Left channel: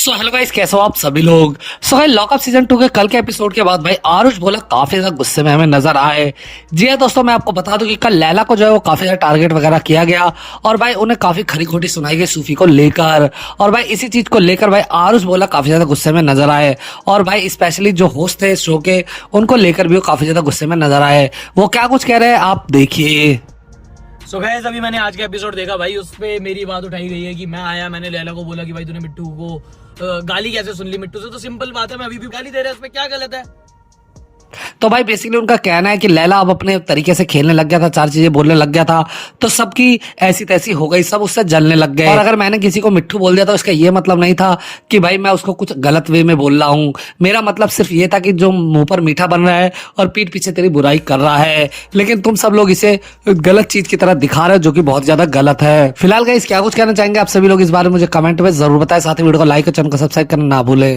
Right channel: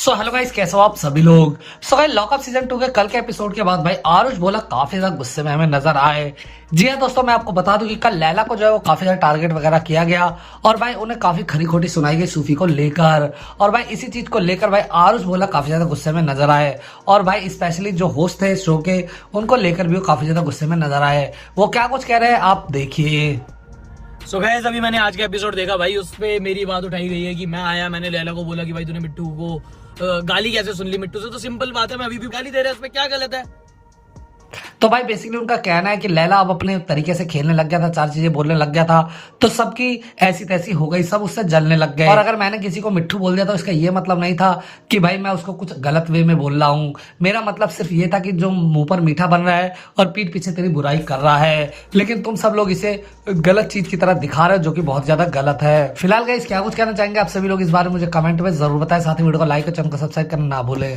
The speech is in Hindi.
सो हेलो गाइस, कैसे हो आप सभी लोग। सो भाई लॉकअप सीजन 2 के कल के एपिसोड के बाद भाई आरुष बोला काफी ज्यादा गुस्से में हमें नजर आए। जी हाँ दोस्तों, मैं आपको बता दूं कि कल लैला को जो है वो काफी ज्यादा टारगेट वगैरह किया गया और भाई उन्हें काफी खरी खोटी सुनाई गई सूफी को लेकर। और भाई इसी चीज को लेकर भाई आरुष बोला काफी ज्यादा गुस्से में नजर आए। और भाई स्पेशली जो होस्ट थे इस शो के, उनको लेकर भी वो काफी ज्यादा गुस्से में नजर आए। वो क्या कुछ कह रहे हैं आप देखिए। सो गाइस, अभी मैंने आज का एपिसोड देखा भाई, उस पे मेरी बात उठाई गई है कि मैं आया, मैंने लैला को बोला कि भाई तूने मिट्टू को गाली कैसे सुन ली मिट्टू से। तो सिंपल बात है, मैं अभी भी गाली दे रहा है, उसमें क्या गलत है। तो भाई बेसिकली उनका कहना है कि लैला अब अपने तरीके से खेलने लग गया था, चार चीजें बोलने लग गया था, तो सबकी ऐसी तैसी हो गई, सब उससे जलने लग गए। और अगर मैंने किसी को मिट्टू बोल दिया तो इसका ये मतलब नहीं था कि भाई मैं उसको कुछ गलत वे में बोल रहा हूँ। मेरा मतलब सिर्फ ये था कि जो मुंह पर मीठा बन रहा है और पीठ पीछे तेरी बुराई कर रहा है, लेकिन तुम सब लोग इसे गलत चीज की तरह दिखा रहे हो, जो कि बहुत ज्यादा गलत है। फिलहाल गाइस क्या कुछ कहना चाहेंगे आप सभी लोग इस बारे में मुझे कमेंट में जरूर बताएं। साथ ही वीडियो को लाइक और चैनल को सब्सक्राइब करना ना भूले।